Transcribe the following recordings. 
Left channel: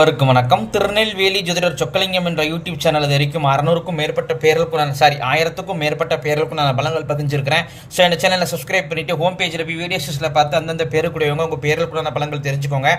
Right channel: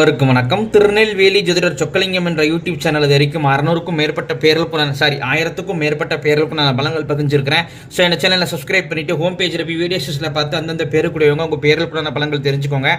அவருக்கும் வணக்கம். திருநெல்வேலி ஜோதிடர் சொக்கலிங்கம் என்ற யூடியூப் சேனல் இது வரைக்கும் அறுநூறுக்கும் மேற்பட்ட பேர்களுக்கும் நான் சாரி ஆயிரத்துக்கும் மேற்பட்ட பேர்களுக்கும் நான் பலங்கள் பதிஞ்சிருக்கிறேன். ஸோ இந்த சேனலை சப்ஸ்கிரைப் பண்ணிட்டு ஹோம் பேஜில் போய் வீடியோஸில் பார்த்து அந்தந்த பேருக்குடையவங்க உங்கள் பேர்களுக்குள்ள பலங்கள் தெரிஞ்சுக்கோங்க.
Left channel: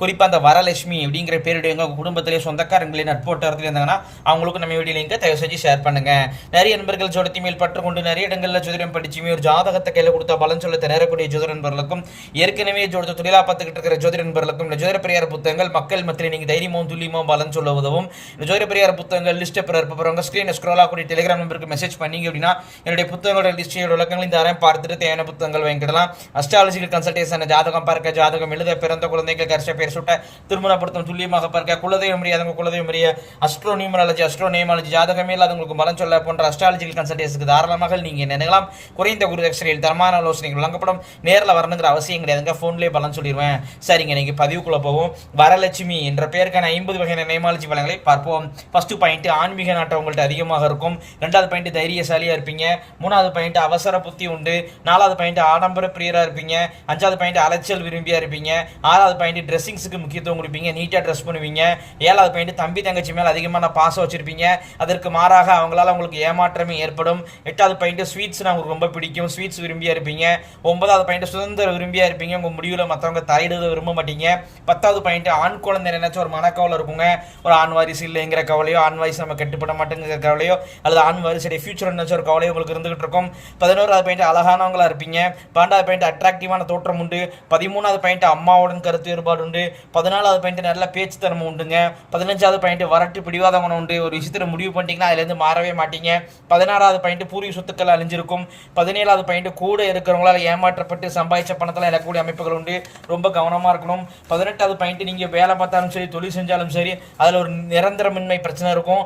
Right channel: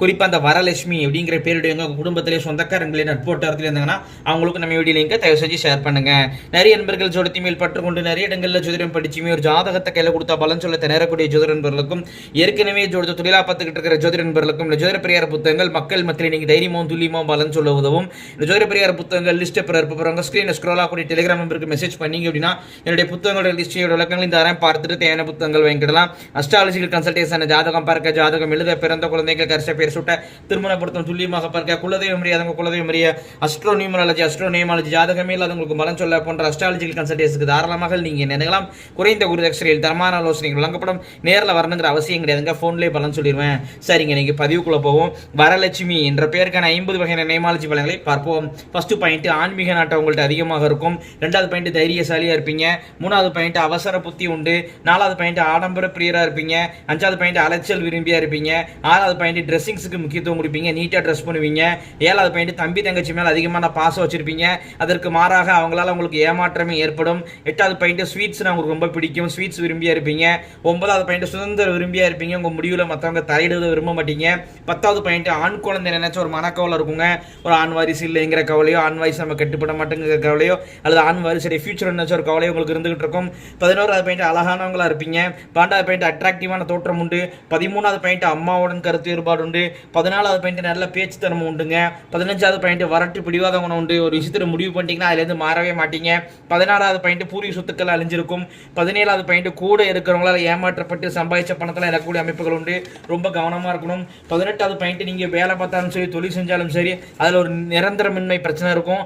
குறிப்பாக அந்த வரலட்சுமி அப்படிங்கிற பேருடையவங்க உங்கள் குடும்பத்திலே சொந்தக்காரங்களே நட்போட்டத்தில் இருந்தாங்கன்னா அவங்களுக்கு நம்ம வீடியோ லிங்கை தயவு செஞ்சு ஷேர் பண்ணுங்க. நிறைய நண்பர்கள் ஜோடத்தி மேல் பற்றுக்கொண்டு நிறைய இடங்களில் ஜோதிடம் படிச்சுமே ஒரு ஜாதகத்தை கையில் கொடுத்தா பலன் சொல்ல திணறக்கூடிய ஜோதிட நண்பர்களுக்கும் ஏற்கனவே ஜோதிட தொழிலா பார்த்துக்கிட்டு இருக்கிற ஜோதிட நண்பர்களுக்கும் இந்த ஜோதிட பெரியார் புத்தகங்கள் மக்கள் மத்தியில் நீங்கள் தைரியமும் துல்லியமும் பலன் சொல்ல உதவும். இந்த ஜோதிட புத்தகங்கள் லிஸ்ட் பிறர் இருப்பவங்க ஸ்க்ரீனை ஸ்க்ரோல் ஆகக்கூடிய டெலிகிராம் நம்பருக்கு மெசேஜ் பண்ணிங்க அப்படின்னா என்னுடைய புத்தகங்களோட லிஸ்டியோட விளக்கங்கள் இந்த அறம் பார்த்துட்டு தேவையான புத்தகங்கள் வாங்கிடலாம் அஸ்ட்ராலஜிக்கல் கன்சல்டேஷன் ஜாதகம் பார்க்க ஜாதகம் எழுத பிறந்த குழந்தைகள் கரிச பேர் சுட்ட திருமணப்படுத்தும் துல்லியமாக பார்க்க குலதெய்வம் முடியாதவங்க குலதெய்வம் முடிய அஸ்ட்ரோ நியூமராலஜி அஸ்ட்ரோ நேமாலஜி ஜாதகமே இல்லாதவங்களுக்கு பலன் சொல்ல போன்ற அஸ்ட்ராலஜிக்கல் கன்சல்டேஷனுக்கு தாராளமாக நீங்கள் நினைக்கலாம்? குறைந்த குரு தட்சணையில் தரமான ஆலோசனைகள் வழங்கப்படும். நேரில் வரணுங்கிற அவசியம் கிடையாதுங்க. ஃபோன்லேயே பலன் சொல்லிடுவேன் சரிங்க நீங்கள் பதிவுக்குள்ளே போவோம். வரலட்சுமி என்ற பெயருக்கான ஐம்பது வகையான நேமாலஜி பலன்களை பார்ப்போம். ஃபர்ஸ்ட் பாயிண்ட் ஆன்மீக நாட்டம் உங்கள்கிட்ட அதிகமாக இருக்கும். ரெண்டாவது பாயிண்ட் தைரியசாலியாக இருப்பீங்க. மூணாவது பாயிண்ட் அவசர புத்தி உண்டு. நாலாவது பாயிண்ட் ஆடம்பர பிரியராக இருப்பீங்க. அஞ்சாவது பாயிண்ட் அலைச்சல் விரும்பியா இருப்பீங்க. ஆறாவது பாயிண்ட் ட்ரெஸ்ஸிங்ஸுக்கு முக்கியத்துவம் கொடுப்பீங்க. நீட்டாக ட்ரெஸ் பண்ணுவீங்க. ஏழாவது பாயிண்ட் தம்பி தங்கச்சி மேலே அதிகமான பாசம் வச்சிருப்பீங்க. அதற்கு மாறாக அவங்களால உங்களுக்கு ஏமாற்றமே ஏற்படும். எட்டாவது பாயிண்ட் ஸ்வீட்ஸ் உங்களுக்கு ரொம்ப பிடிக்கும். ஸ்வீட்ஸ் விரும்பியா இருப்பீங்க. ஒன்பதாவது பாயிண்ட் சுதந்திர விரும்பியா இருப்பீங்க. உங்க முடிவில் மற்றவங்க தலையிடுவது விரும்ப மாட்டீங்க. பத்தாவது பாயிண்ட் ஆண் குழந்தை நினைச்ச ஒரு மனக்கவலை இருக்குங்க. ஒரு ஆண் வாரிசு இல்லைங்கிற கவலையோ ஆண் வாரிசு நம்ம கட்டுப்பட மாட்டேங்கிற கவலையோ அல்லது ஆண் வாரிசுடைய ஃபியூச்சர் நினைச்ச ஒரு கவலையோ உங்களுக்கு இருந்துகிட்டு இருக்கும். பதினோராவது பாயிண்ட் அழகானவங்களா இருப்பீங்க. பன்னெண்டாவது பாயிண்ட் அட்ராக்டிவான தோற்றம் உண்டு. பதிமூணாவது பாயிண்ட் அம்மாவுடன் கருத்து வேறுபாடு உண்டு. பதினாலாவது பாயிண்ட் நல்ல பேச்சு திறமை உண்டுங்க. பதினஞ்சாவது பாயிண்ட் வரட்டு பிடிவாத குணம் உண்டு. ஒரு விஷயத்தில் முடிவு பண்ணிட்டீங்கன்னா அதுலேருந்து மாறவே மாட்டீங்க. பதினாறாவது பாயிண்ட் பூர்வீக சொத்துக்கள் அழிஞ்சிருக்கும். பதினேழாவது பாயிண்ட் கூட இருக்கிறவங்களால ஏமாற்றப்பட்டு சம்பாதிச்ச பணத்தில் இழக்கக்கூடிய அமைப்புகள் உண்டு. ரொம்ப கவனமாக இருக்கணும். பதினெட்டாவது பாயிண்ட் நீங்கள் வேலை பார்த்தாலும் சரி தொழில் செஞ்சாலும் சரி அதில் ஒரு நிரந்தரமின்மை பிரச்சனை இருக்கும்.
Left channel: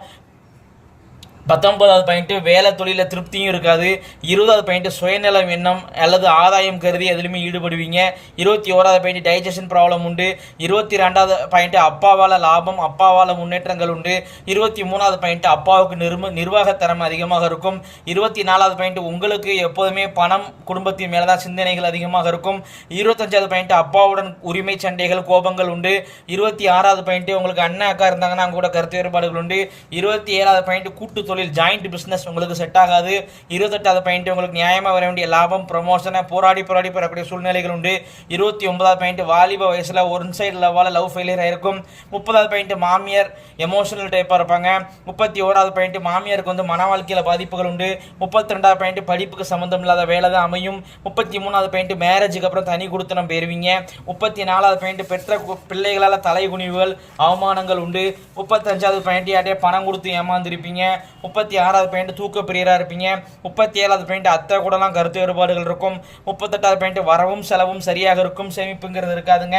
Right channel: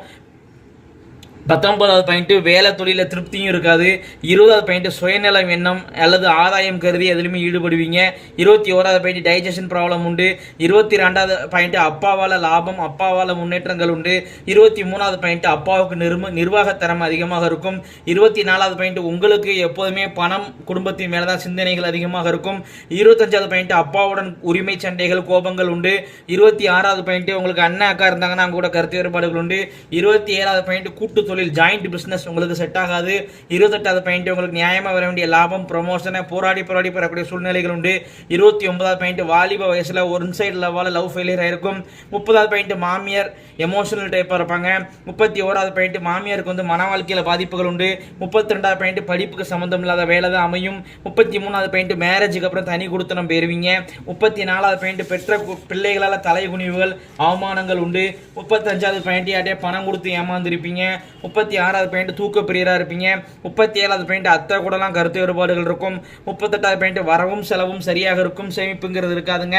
பத்தொன்பதாவது பாயிண்ட்டு வேலை தொழிலில் திருப்தியும் இருக்காது. இருபதாவது பாயிண்ட்டு சுயநலம் எண்ணம் அல்லது ஆதாயம் கருதி எதுலையுமே ஈடுபடுவீங்க. இருபத்தி ஓராவது பாயிண்ட் டைஜஷன் ப்ராப்ளம் உண்டு. இருபத்தி ரெண்டாவது பாயிண்ட்டு அப்பாவால் லாபம் அப்பாவால் முன்னேற்றங்கள் உண்டு. இருபத்தி மூணாவது பாயிண்ட் அப்பாவுக்கு நிர்ம நிர்வாகத்தரம் அதிகமாக இருக்கும். இருபத்தி நாலாவது பாயிண்ட் உங்களுக்கு எப்போதுமே பணம் குடும்பத்தின் மேலே தான் சிந்தனைகள் அதிகமாக இருக்கும். இருபத்தஞ்சாவது பாயிண்ட் அப்பாவுடன் உரிமை சண்டைகள் கோபங்கள் உண்டு. இருபத்தி ஆறாவது பாயிண்ட்டு உங்களுக்கு அண்ணன் அக்கா இருந்தாங்கன்னா அவங்க கூட கருத்து வேறுபாடுகள் உண்டு. இருபத்தி ஏழாவது பாயிண்ட் கூட்டு தொழில் ஜாயிண்ட் பிஸ்னஸ் உங்களுக்கு செட் ஆகாது. இருபத்தெட்டாவது பாயிண்ட் உங்களுக்கு நியாயமாக வர வேண்டிய லாபம் ப்ரொமோஷனை போராடி போராடி பெறக்கூடிய சூழ்நிலைகள் உண்டு. இருபத்தி ஒன்பதாவது பாயிண்ட் வாலிப வயசில் ஒன் சைடு லவ்வால் லவ் ஃபெயிலியர் ஆயிருக்கும். முப்பதாவது பாயிண்ட் மாமியார் எமோஷனல் டைப்பாக இருப்பாங்க. முப்பத்தி ஓராவது பாயிண்ட் மாமியாருக்கு வந்து மன வாழ்க்கையில் பாதிப்புகள் உண்டு. முப்பத்தி ரெண்டாவது பாயிண்ட் படிப்புக்கு சம்மந்தம் இல்லாத வேலை தான் அமையும். முப்பத்தி மூணாவது பாயிண்ட் மேரேஜுக்கு அப்புறம் தனி கொடுத்து நம்ம பெறுவீங்க. முப்பத்தி நாலாவது பாயிண்ட் பெற்ற பிள்ளைகளால் பிள்ளைகளால் தலைகுனிவுகள் அவமானங்கள் உண்டு. முப்பத்தஞ்சாவது பாயிண்ட் யார்ட்டே பணம் கொடுத்து ஏமாந்துருப்பீங்க. முப்பத்தி ஆறாவது பாயிண்ட் தூக்க பிரியராக இருப்பீங்க. முப்பத்தி ஏழாவது பாயிண்ட் அத்தை கூடலாம் கருத்து வேறுபாடுகள் இருக்கும். முப்பத்தெட்டாவது பாயிண்ட் வரவும் செலவும் சரியாக இருக்கும். சேமிப்புங்கிறது இருக்காதுங்க.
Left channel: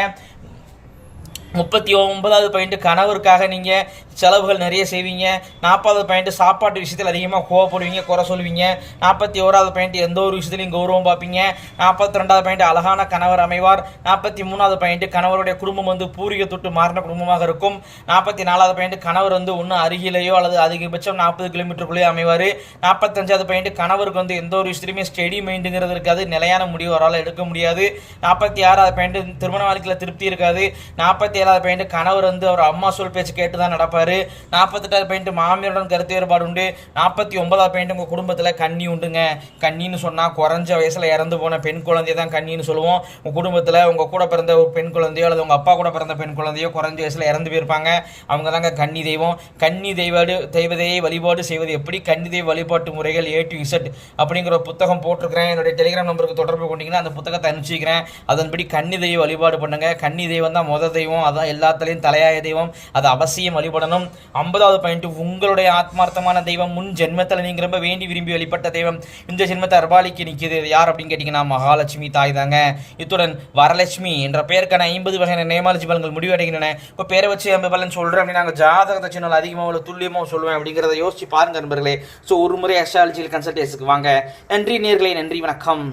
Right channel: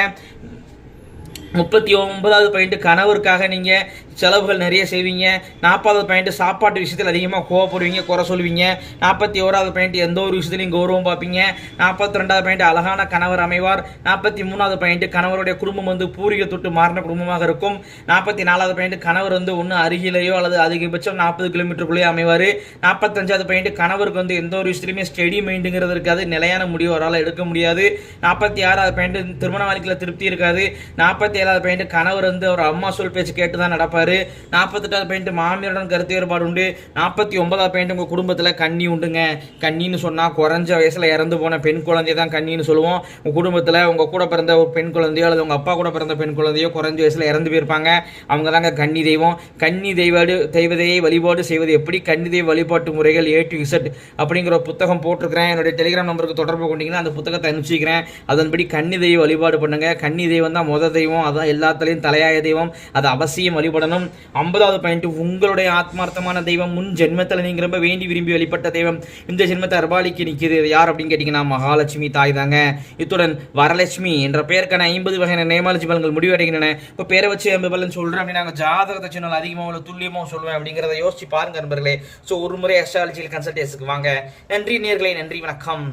முப்பத்தி ஒன்பதாவது பாயிண்ட் கணவருக்காக நீங்கள் செலவுகள் நிறைய செய்வீங்க. நாற்பதாவது பாயிண்ட் சாப்பாட்டு விஷயத்தில் அதிகமாக கோவப்படுவீங்க குறை சொல்லுவீங்க. நாற்பத்தி ஓராவது பாயிண்ட் எந்த ஒரு விஷயத்துலையும் கௌரவம் பார்ப்பீங்க. நாற்பத்தி ரெண்டாவது பாயிண்ட் அழகான கணவர் அமைவார். நாற்பத்தி மூணாவது பாயிண்ட் கணவருடைய குடும்பம் வந்து பூர்வீக தொட்டு மாறின குடும்பமாக இருக்கும். நாற்பத்தி நாலாவது பாயிண்ட் கணவர் வந்து ஒன்று அருகிலேயோ அல்லது அதிகபட்சம் நாற்பது கிலோமீட்டருக்குள்ளேயே அமைவார். நாற்பத்தஞ்சாவது பாயிண்ட் கணவருக்கு வந்து எந்த ஒரு விஷயத்துலையுமே ஸ்டெடி மைண்டுங்கிறது இருக்காது. நிலையான முடிவு அவரால் எடுக்க முடியாது. நாற்பத்தி ஆறாவது பாயிண்ட் திருமண வாழ்க்கையில் திருப்தி இருக்காது. நாற்பத்தி ஏழாவது பாயிண்ட் கணவர் வந்து அவர் அம்மா சொல் பேச்சு கேட்டு தான் நடப்பார். நாற்பத்தெட்டாவது பாயிண்ட் மாமியாருடன் கருத்து வேறுபாடு உண்டு. நாற்பத்தி ஒன்பதாவது பாயிண்ட் உங்கள் குடும்பத்தில் கண்ணி உண்டுங்க. கண்ணின்னு சொன்னால் குறைஞ்ச வயசில் இறந்து போன பெண் குழந்தைய தான் கண்ணின்னு சொல்லுவோம். உங்கள் குடும்பத்தில் உங்கள் கூட பிறந்த ஒரு பெண் குழந்தையோ அல்லது உங்கள் அப்பா கூட பிறந்த பெண் குழந்தையோ குறைஞ்ச வயசில் இறந்து போயிருப்பாங்க. அவங்க தாங்க கன்னி தெய்வம். கன்னி தெய்வாடு தெய்வதையை வழிபாடு செய்வது எப்படி? கன்னி தெய்வ வழிபாட்டு முறைகள் ஏ டு இசட் அப்படிங்கிற ஒரு புத்தகம் போட்டிருக்கிறேன். என்னுடைய டெலிகிராம் நம்பருக்கு தொடர்பு கொண்டீங்கன்னா அந்த புத்தகத்தை அனுப்பிச்சிக்கிறேன். அதன்படி கன்னி தெய்வ வழிபாடு பண்ணுங்க. கன்னி தெய்வம் தான் முத தெய்வம். அதான் எல்லாத்துலேயும் தலையாய தெய்வம். அது அவசியம் வழிபடணும். ஐம்பதாவது பாயிண்ட் உங்களுடைய ஆத்மார்த்தமான தெய்வம் முன் ஜென்மத்தில் நீங்கள் ரொம்ப வேண்டி விரும்பி வழிபட்ட தெய்வம் இந்த ஜென்மத்தை அர்பாலிக்கு நிற்கிது. யார் அப்படின்னு கேட்டிங்கன்னா மகாலட்சுமி தாய் தாங்க. இத்துடன் வரலட்சுமி என்ற பெயருக்கான ஐம்பது வகையான நேமாலஜி பலன்கள் முடிவடைகின்றன. இப்போ பேரை வச்சு ஐம்பது பலன் சொல்கிறேன் அப்படின்னு நாங்கள் ஜாதகத்தை சொன்னால் அதிகமாக உள்ள துல்லியமாக சொல்லுவேன் அப்படிங்கிறத யோசிச்சு பாருங்க நண்பர்களே. ஸோ ஒரு முறை அஸ்ட்ராலஜியில் கன்சல்டேஷனுக்கு வாங்க. நன்றி நேர்களே நன்றி வணக்கம்.